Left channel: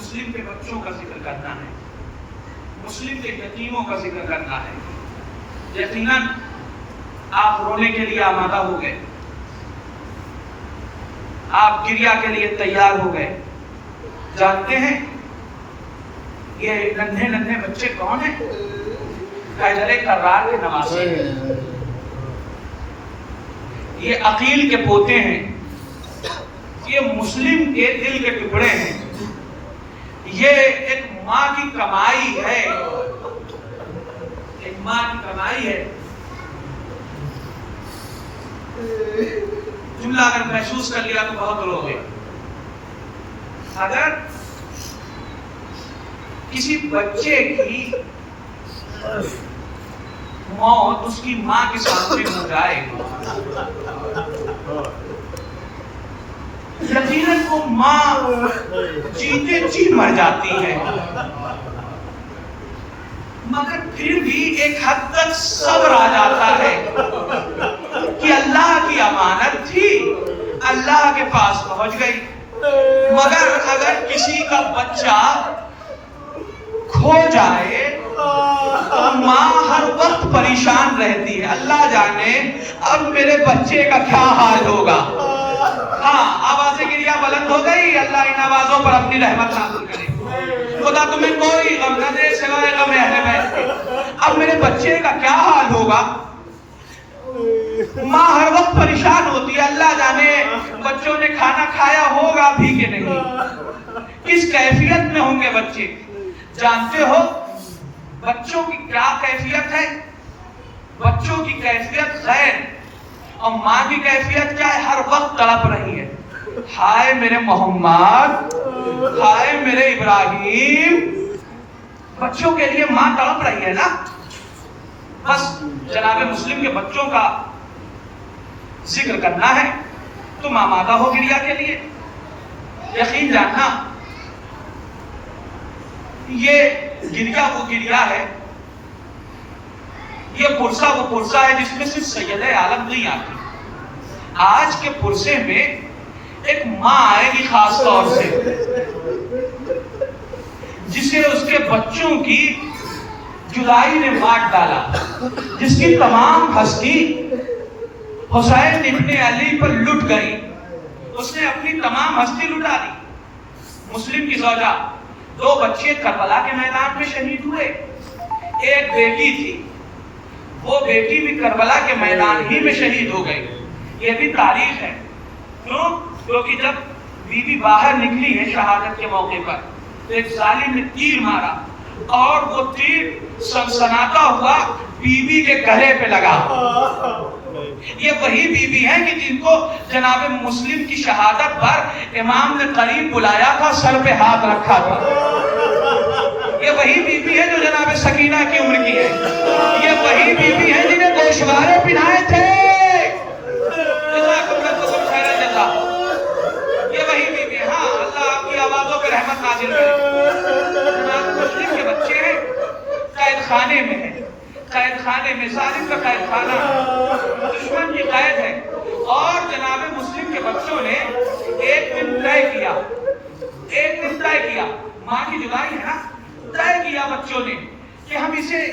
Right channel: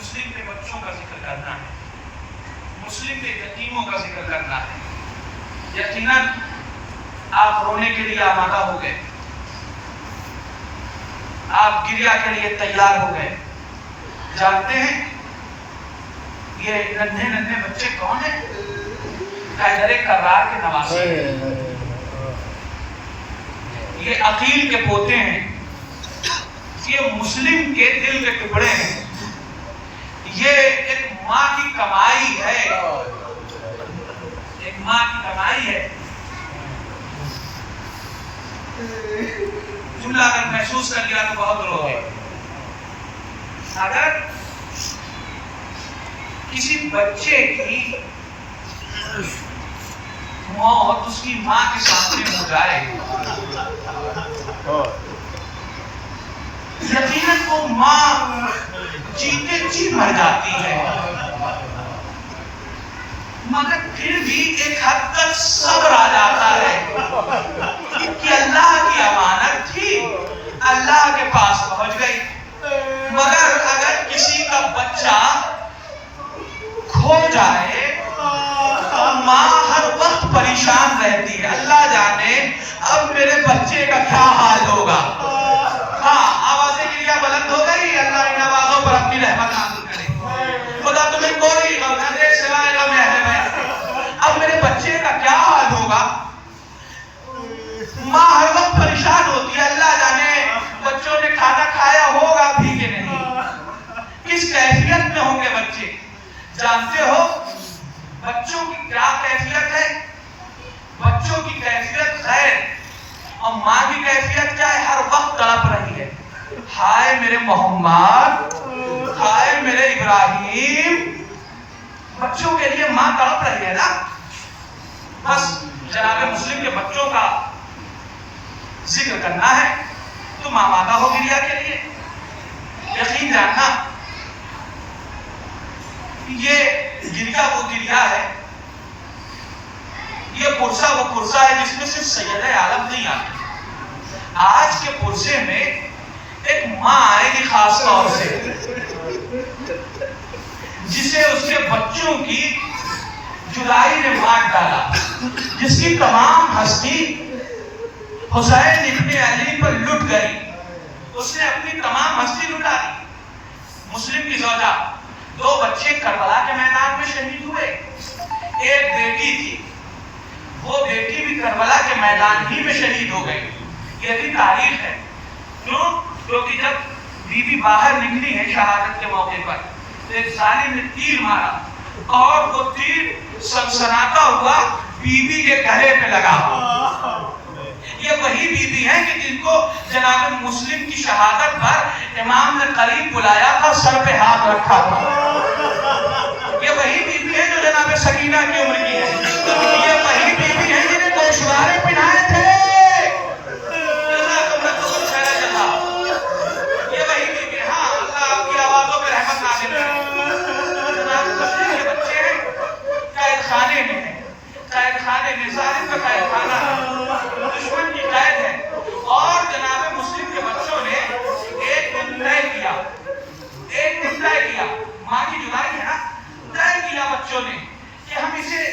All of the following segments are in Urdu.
مسلم کے بچوں کا ذکر کرنا ہے، مسلم کے یتیموں کا ذکر کرنا ہے۔ یقیناً آپ رونے کے لیے آمادہ ہو گئے، آپ گریہ کے لیے تیار ہو گئے۔ جانتے ہیں یہ ننھے ننھے بچے کون ہیں؟ حیدر کرار کے نواسے ہیں، یہ عقیل کے پوتے ہیں، یہ مسلم کے دل کے ٹکڑے ہیں، یہ ایک ماں کی کمائی ہے، ایک ماں کی کمائی ہے۔ جملہ اگر محسوس کر لیا تو بہت رو گئے۔ اگر کسی بچے کی موت اس کی ماں کے سامنے ہو جائے، یقیناً وہ ماں جیتے جی مر جاتی ہے، مگر پھر بھی ایک حد تک صبر آ جاتا ہے کہ اللہ کی امانت تھی، اللہ کے پاس پہنچ گئی۔ مگر اگر کسی کا بچہ کھو جائے تو ماں ہر وقت پریشان رہتی ہے، اللہ جانے اب میرے بچے کا کیا حال ہوگا۔ ہاں، آوازیں گریہ بلند ہو گئی، اللہ ان آوازوں پر اپنی رحمت نازل کرے۔ خدا تمہیں کوئی غم نہ دے سوائے غم اہل بیت کے۔ اب میرے بچے کا کیا حال ہوگا۔ ماں ہر وقت پریشان ہوتی ہے، اللہ جانے بچوں نے کھانا کھایا ہوگا بھی کہ نہیں، کس کیفیت میں ہوں گے بچے۔ جانتے ہو بچوں کی کیا کیفیت ہے؟ بچوں کی کیفیت خیر، اور ماں کی کیفیت کیا ہے؟ ہر وقت تڑپ رہی ہے، ہائے میرے محمد، ہائے میرے ابراہیم۔ بچوں کے لیے ماں تڑپ رہی ہے نا۔ بس جناب مسلم کے بچوں کا ذکر کرنا ہے، تم آمادہ ہو گریہ کے لیے۔ یقین جاننا یہ گریہ وہ گریہ ہے، یہ پرسہ وہ پرسہ ہے جس میں صرف سید عالم نہیں آتی۔ آج کے پرسے میں ایک ماں آئے گی خاص طور سے، جسے اس کے بچوں کی جدائی نے مار ڈالا، جس کی تمام ہستی حسین ابن علی پر لٹ گئی، اس نے اپنی تمام ہستی لٹا دی۔ مسلم کی زوجہ، دو بچے کربلا کے میدان میں شہید ہوئے، ایک بیٹی تھی، وہ بیٹی بھی کربلا کے میدان ہی میں شہید ہو گئی۔ یہ بھی تاریخ ہے، کیونکہ جب بیوی باہر نکلی ہے شہادت کے موقع پر تو ایک ظالم نے تیر مارا اور وہ تیر سنسناتا ہوا بیوی کے گلے پہ لگا۔ یہ وہی بیوی ہیں کہ جن کو جناب مسلم کی شہادت پر امام نے قریب بلایا تھا، سر پہ ہاتھ رکھا تھا۔ یہ وہی بیوی ہے جو جناب سکینہ کی عمر کی ہے، یہ وہی بیوی ہے جنہیں گوشوارے پہنائے تھے۔ یہ وہی بیوی ہے، ہاں اللہ آپ کی آوازوں پہ رحمت نازل کرے۔ جناب مسلم کے بچے قید خانے میں ہیں، قید خانے میں، ظالم کا قید خانہ ہے، دشمن کی قید ہے، اور جناب مسلم کے بچوں نے ایک دن طے کیا، ایک دن طے کیا، ماں کی جدائی ہے نا، طے کیا بچوں نے کہ ہم اسے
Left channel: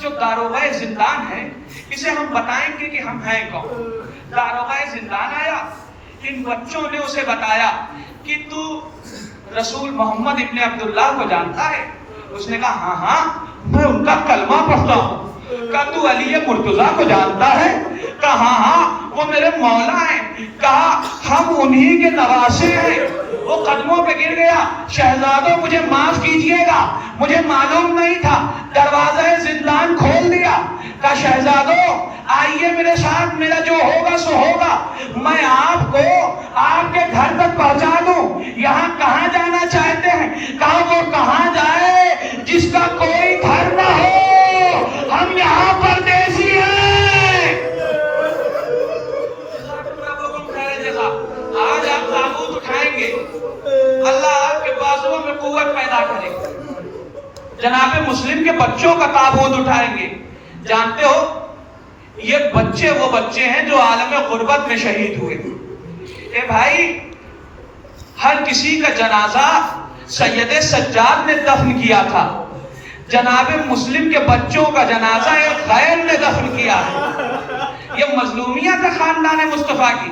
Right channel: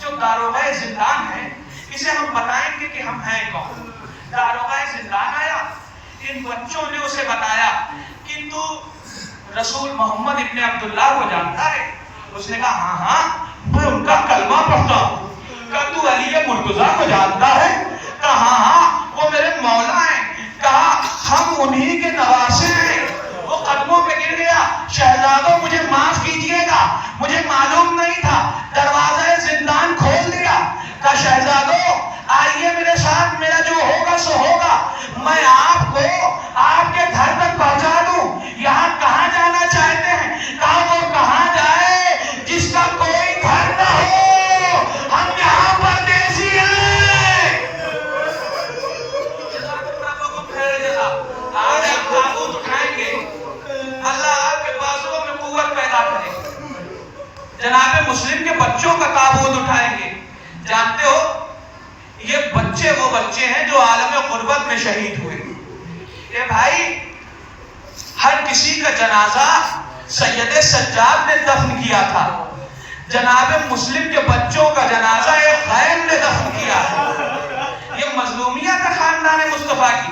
جو داروغہ زندان ہے اسے ہم بتائیں گے کہ ہم ہیں کون۔ داروغہ زندان آیا، ان بچوں نے اسے بتایا کہ تو رسول محمد ابن عبداللہ کو جانتا ہے؟ اس نے کہا ہاں ہاں میں ان کا کلمہ پڑھتا ہوں۔ کہا تو علی مرتضیٰ کو جانتا ہے؟ کہا ہاں ہاں وہ میرے مولا ہیں۔ کہا ہم انہی کے نواسے ہیں۔ وہ قدموں پہ گر گیا، شہزادوں مجھے معاف کیجئے گا، مجھے معلوم نہیں تھا، دروازہ زندان کھول دیا۔ کہا شہزادوں آئیے میرے ساتھ، میرا جو ہوگا سو ہوگا، میں آپ کو آپ کے گھر تک پہنچا دوں، یہاں کہاں جانا چاہتے ہیں؟ کہا وہ کہاں جائے جس کا کوئی گھر نہ ہو، ہم یہاں پردیسی ہیں۔ آج آپ تابوت اٹھائیں گے، اللہ آپ کے بازوؤں میں قوت پیدا کرے گا۔ جناب مسلم کے بچوں کا تابوت اٹھائیں گے۔ جانتے ہو یہ بچے وہ بچے ہیں جو عالم غربت میں شہید ہوئے۔ اے بھائی، ہر کسی کا جنازہ سید سجاد نے دفن کیا تھا، جناب مسلم کے بچوں کا جنازہ ایک غیر نے دفن کیا ہے۔ یہ مظلومیت ہے خاندان مصطفیٰ کی۔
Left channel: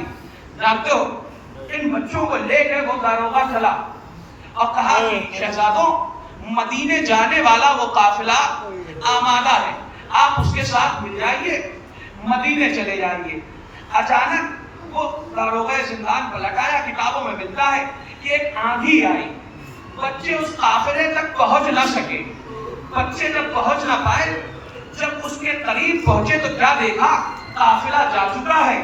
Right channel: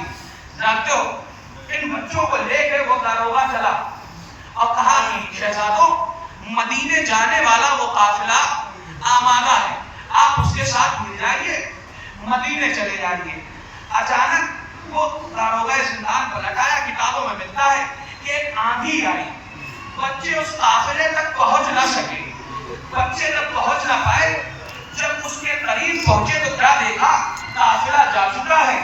جانتے ہو ان بچوں کو لے کر وہ داروغہ چلا اور کہا کہ شہزادوں مدینے جانے والا وہ قافلہ آمادہ ہے، آپ اس کے ساتھ مل جائیے، مدینے چلے جائیے۔ اچانک وہ داروغہ زندان کو لٹایا، کتابوں میں ملتا ہے کہ ایک آندھی آئی، بچے اس قافلے تک پہنچ نہ سکے، بچے تک پہنچ نہ پائے۔ جب اس کے قریب پہنچے تو کیا دیکھا، قافلہ جا چکا ہے،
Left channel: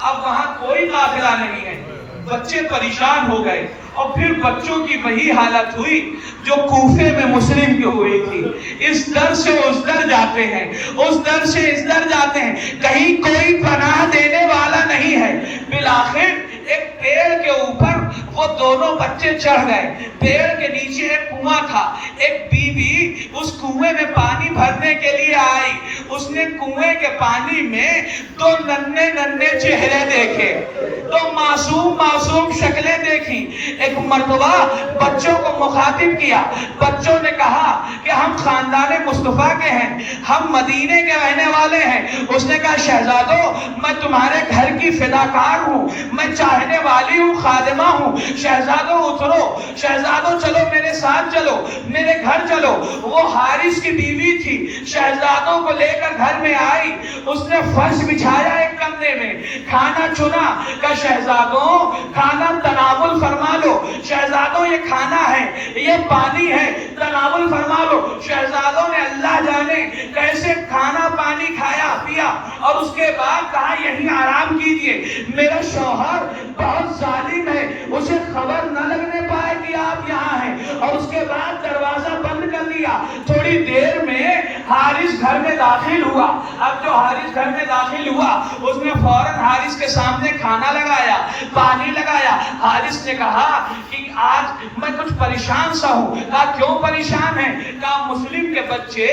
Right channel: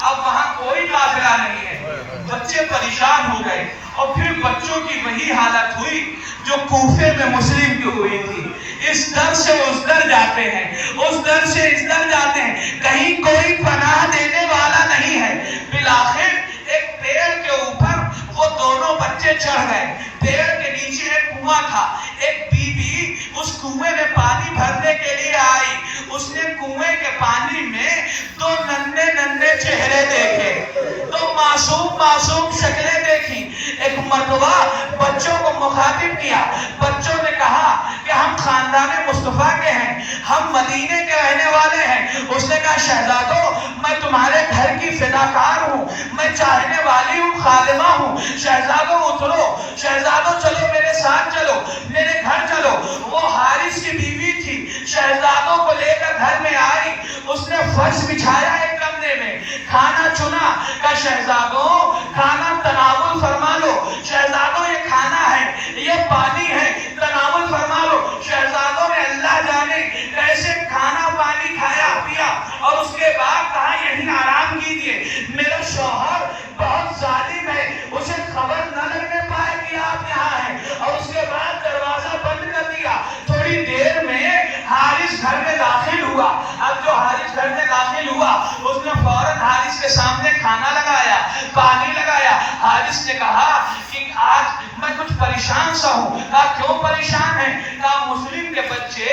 اب وہاں کوئی قافلہ نہیں ہے۔ بچے پریشان ہو گئے اور پھر بچوں کی وہی حالت ہوئی جو کوفے میں مسلم کی ہوئی تھی، اس در سے اس در جاتے ہیں، اس در سے اس در جاتے ہیں، کہیں کوئی پناہ دینے والا نہیں ہے۔ بالآخر ایک پیڑ کے اوپر وہ دونوں بچے چڑھ گئے، پیڑ کے نیچے ایک کنواں تھا، ایک بی بی اس کنویں میں پانی بھرنے کے لیے آئی، اس نے کنویں کے پانی میں دو ننھے ننھے چہرے دیکھے، دو معصوم معصوم شکلیں دیکھی۔ ایک مرتبہ بچوں کو مخاطب کیا، بچوں نے کہا کہ ہم خاندان مصطفیٰ کے ہیں، ہم مدینے کے رہنے والے ہیں۔ اس نے کہا شہزادوں میں تمہارے گھر کی فداکار ہوں، میں چاہنے والی ہوں، خادمہ ہوں، شہزادوں اترو، شہزادوں چلو میرے ساتھ چلو، میرے گھر چلو۔ وہ حارث کی بیوی تھی، شہزادوں کو لے کر گھر میں آئی، اس نے فرش بچھایا ایک کمرے میں، کھانا چنا، کہا شہزادوں کھانا تناول فرما لو، شہزادوں یہ کھانا ہے، یہ پانی ہے، تناول فرما لو۔ شہزادوں نے اللہ جانے کیسے کھانا پانی کھایا پیا اور اس کے بعد کہا یہیں آرام کیجئے، میرا شوہر بہت ظالم ہے، اسے خبر نہ لگنے پائے کہ آپ یہاں ہیں، اور اس کے بعد دروازہ بند کر دیا۔ تھوڑی دیر میں حارث گھر میں داخل ہوا، اب جو حارث گھر میں داخل ہوا اس نے فوراً حارث کے سامنے کھانا لگایا، پانی لگایا۔ حارث نے کہا کہ آج میں کچھ پریشان سا ہوں۔ کہا کیوں پریشان ہیں؟ کہا مسلم کے بچے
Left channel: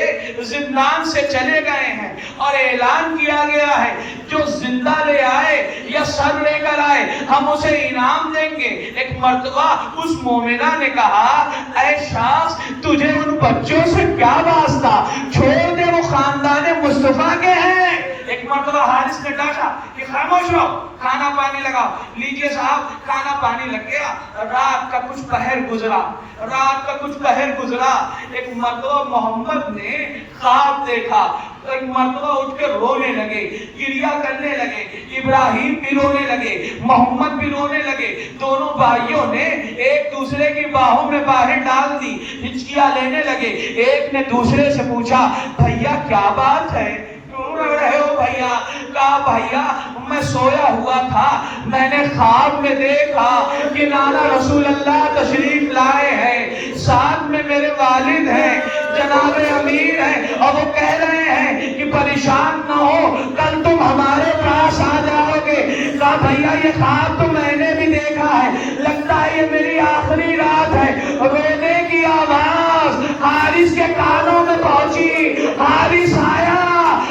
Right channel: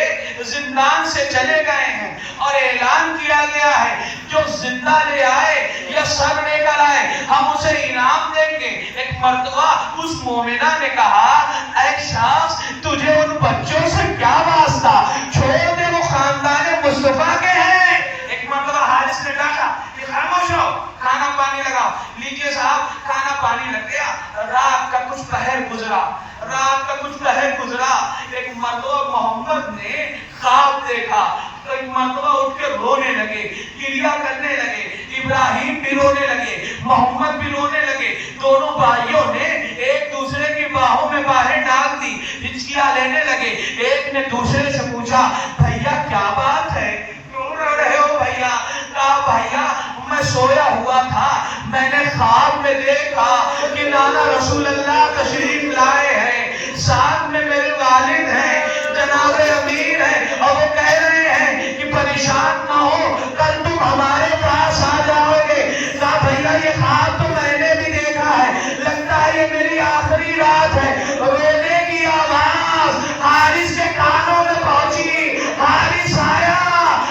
زندان سے چلے گئے ہیں اور اعلان کیا گیا ہے جو زندہ لے آئے یا سر لے کر آئے ہم اسے انعام دیں گے۔ ایک مرتبہ اس مومنہ نے کہا اے شخص تجھے ان بچوں سے کیا واسطہ، چھوڑ دے وہ خاندان مصطفیٰ کے ہیں۔ ایک مرتبہ حارث نے ڈانٹا کہ خاموش ہو، کھانا پانی لگاؤ۔ لیجئے صاحب کھانا پانی لگ گیا، رات کا کچھ پہر گزرا، رات کا کچھ پہر گزرا۔ ایک مرتبہ محمد نے خواب دیکھا، تو ایک مرتبہ اٹھ کے رونے لگے، گریہ کرنے لگے، ابراہیم بھی رونے لگے، محمد بھی رونے لگے۔ دونوں بھائیوں نے ایک دوسرے کی باہوں میں باہیں ڈال دی، ہچکیاں لینے لگے۔ ایک نے دوسرے سے پوچھا بھیا کیا بات ہے، کیوں رو رہے ہو بھیا؟ کہا بھیا میں سویا ہوا تھا، میں نے خواب میں دیکھا کہ لالا رسول اللہ تشریف لائے ہیں، ساتھ میں میرے والد ہیں، جناب امیر ہیں، اور وہ کہہ رہے ہیں کہ پریشان نہ ہو، کل تم ہمارے پاس آ جاؤ گے۔ کہا بھیا یہ خواب تو میں نے بھی دیکھا ہے، لگتا ہے یہ میری آخری رات ہے۔ رونے کی آواز حارث کے کانوں میں پہنچی، حارث آیا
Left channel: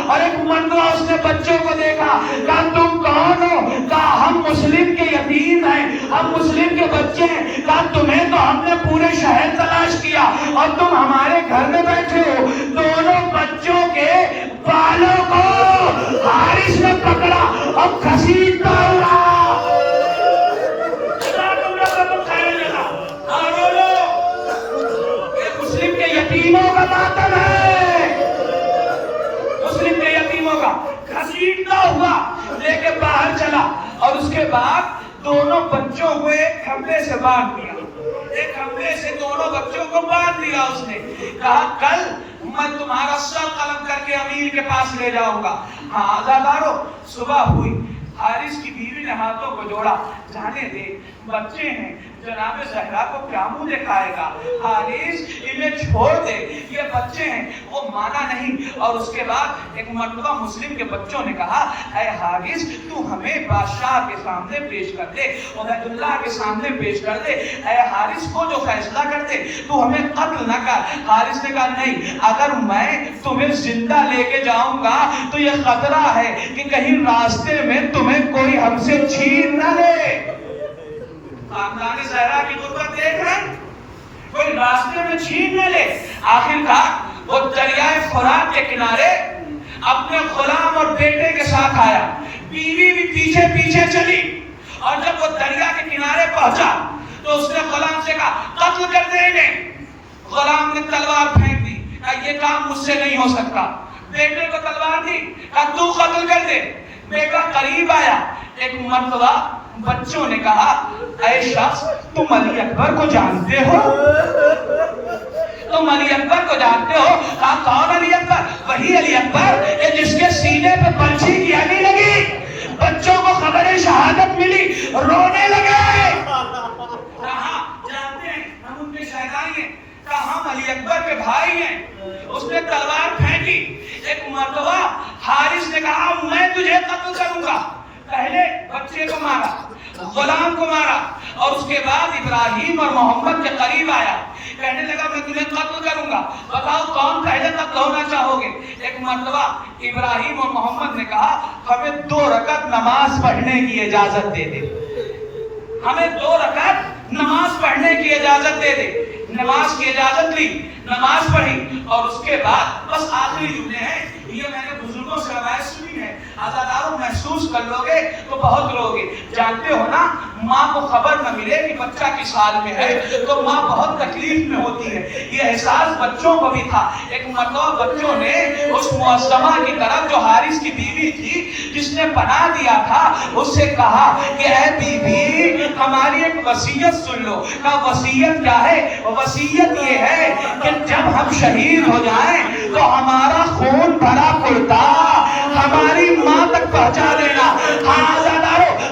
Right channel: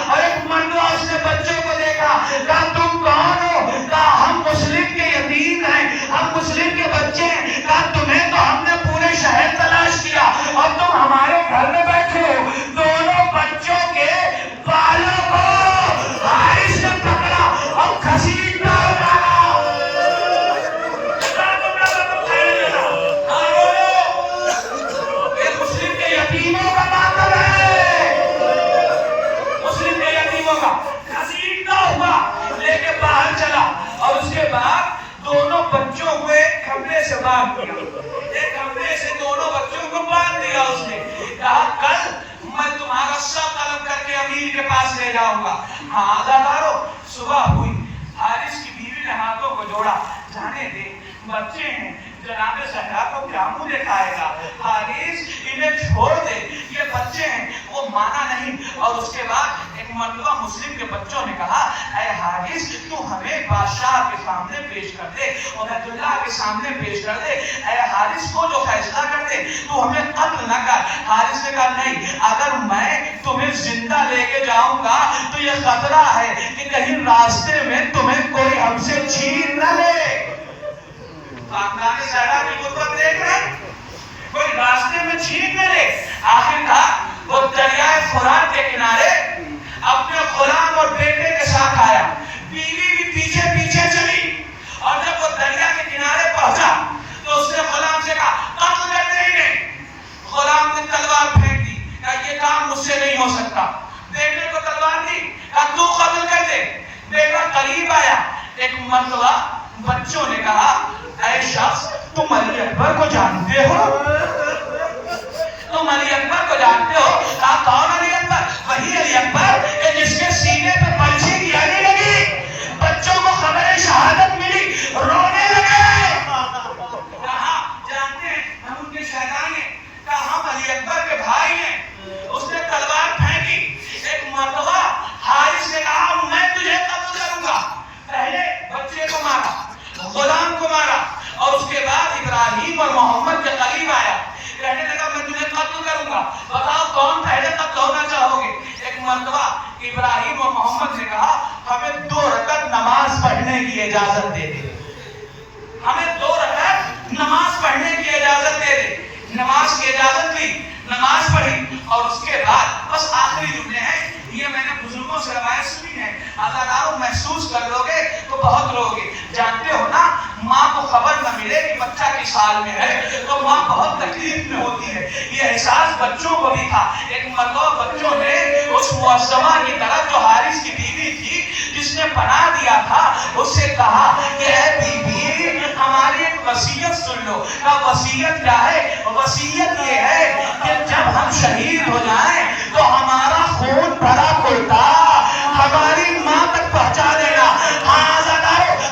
اور ایک مرتبہ اس نے بچوں کو دیکھا، کہا تم کون ہو؟ کہا ہم مسلم کے یتیم ہیں، ہم مسلم کے بچے ہیں۔ کہا تمہیں تو ہم نے پورے شہر تلاش کیا اور تم ہمارے گھر میں بیٹھے ہو۔ دونوں بچوں کے بالوں کو حارث نے پکڑا اور گھسیٹتا ہوا مسلم کے یتیموں کا ماتم ہے، مسلم کے یتیموں کا گھسیٹتا ہوا لے کے باہر چلا، اور اس کے بعد دونوں بچوں کو ایک کمرے سے باندھ دیا، ایک کمرے سے دونوں بچوں کو باندھ دیا۔ اس نے کہا کل میں تمہارا سب قلم کر کے امیر کے پاس لے جاؤں گا۔ ہاں عزادارو صبح ہوئی، حارث کی بیوی نے ہاتھوں کو جوڑا، جانے دے بچے ہیں، جناب زہرا کو کیا منہ دکھائے گا، حارث انہیں چھوڑ دے، یہ بچے ہیں۔ وہ مانا نہیں، اور اس کے بعد ایک مرتبہ مسلم کے بچوں نے کہا اے حارث تو ہمیں بادشاہ کے سامنے پیش کر دے، عبید اللہ کے سامنے پیش کر دے، اے حارث کو جو فیصلہ کر دے، تو ہمیں قتل نہ کر۔ حارث نے کہا نہیں، اگر میں تمہیں زندہ لے کے جاؤں گا تو یہ خطرہ ہے کہ کہیں راستے میں تمہیں کوئی ہم سے چھین نہ لے۔ خاندان زہرا کی غربت دیکھ رہے ہیں، کوئی فرات کے کنارے اپنے غلام اور بیٹے کے ساتھ آیا. بیوی بھی پیچھے پیچھے چلی اور جب وہ دریا کے کنارے پہنچا تو اس نے غلام سے کہا قتل کر دے انہیں. غلام نے تلوار پھینک دی, کہا یہ کام مجھ سے نہیں ہو سکتا. بیٹے کو تلوار دی, کہا تو قتل کر دے. بیٹا قریب آیا. ایک مرتبہ بچوں نے کہا اے شخص تم علی اکبر کو جانتے ہو؟ تم علی اکبر کو جانتے ہو؟ کہا کون علی اکبر؟ وہی علی اکبر کہ جس کے سینے پر پنچھی کی آگی لگی. بچوں کو خبر شہادت ملی, رونے لگے. کہا جانتے ہیں ہم ان کے شہدائی ہیں. کہا ہم علی اکبر کے بھائی ہیں. اس نے تلوار پھینکی. ایک مرتبہ حارث نے کہا میں تجھے قتل کروں گا. پہلے بچے کو مارا, غلام کو مارا, اور اس کے بعد ابراہیم اور محمد کے قریب آیا. کہنے لگا میں تجھے قتل کروں گا, بتاؤ کون پہلے قتل ہونا چاہو گے. ایک مرتبہ ابراہیم اور محمد نے کہا ہمیں 2 رکعت نماز پڑھنے کی اجازت دے دے. ہمیں 2 رکعت نماز پڑھنے کی اجازت دے دے. نماز کی اجازت لی, نماز پڑھی, اور اس کے بعد بس آخری جملے ہیں, یہ میں نے بزرگوں سے روایت سنی ہے, آزاداروں محسوس کر لو گے تو بہت رو گے. جانتے ہو نا ماں کو خبر نہ ملے کہ بچہ کس حال میں ہے تو ماں بہت تکلیف میں ہوتی ہے. یہ احساس بچوں کو بھی تھا. ایک مرتبہ بچوں نے اس معصمہ کی طرف جو حارث کی بیوی تھی جس نے پناہ دیا تھا اس سے کہا کہ اے بی بی ہماری ایک وصیت سن لو. کہا وصیت کیا ہے؟ وصیت یہ ہے کہ جب ہم شہید ہو جائیں تو ہمارا خون بھرا کرتا ہماری ماں تک پہنچا دینا.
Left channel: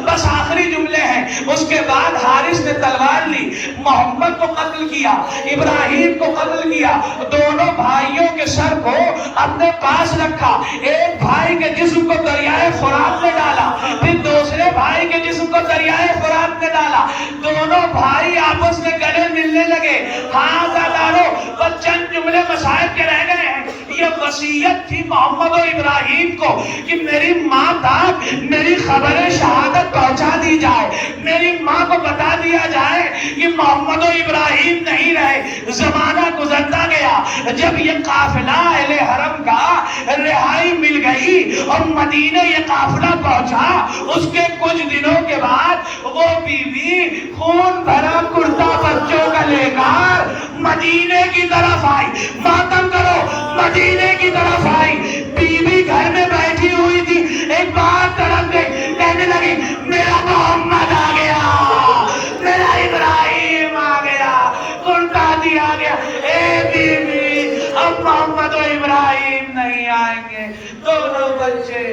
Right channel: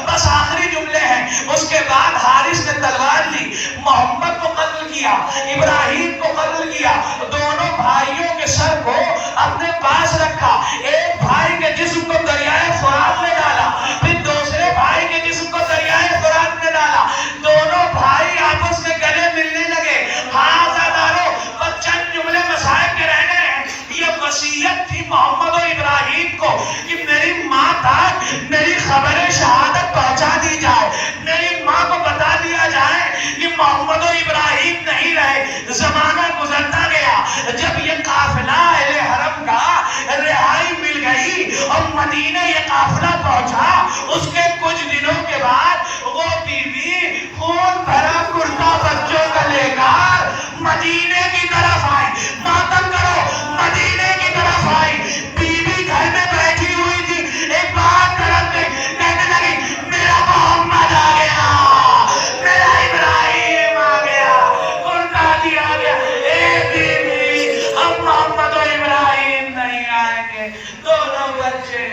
بس آخری جملے ہیں. اس کے بعد حارث نے تلوار لی, محمد کو قتل کیا, ابراہیم کو قتل کیا. دونوں بھائیوں کے سر کو اپنے پاس رکھا. ایک بھائی کے جسم کو دریائے فرات میں ڈالا, پھر دوسرے بھائی کے جسم کو دریائے فرات میں ڈالا. دونوں بھائی آپس میں گلے ملنے لگے. ہاں زادارو بس چند جملے مصائب کے رہنے ہیں. یہ وصیت تھی محمد و ابراہیم کو کہ میری ماں تک میری خبر شہادت پہنچا دی جائے, میری ماں کو بتا دیا جائے کہ محمد و ابراہیم نہیں رہے. زمانہ گزرتا گیا. جب یہ قافلہ اہل حرم کا رہائی مل گئی اور مدینہ یہ قافلہ پہنچا, اس کے کچھ دنوں کے بعد وہ بیوی خون بھرا کرتا بچوں کا لے کر مدینے کی طرف آئی. ماتم کرو, مدینے کی طرف آئی. بیوی گھر میں بیٹھی ہوئی تھی, ایک بات طرف گئی, کہنے لگی میرا محمد آ گیا, میرا ابراہیم آ گیا, کرتا دیا گیا. اے بیوی اب محمد و ابراہیم نہیں آئیں گے, دونوں بچے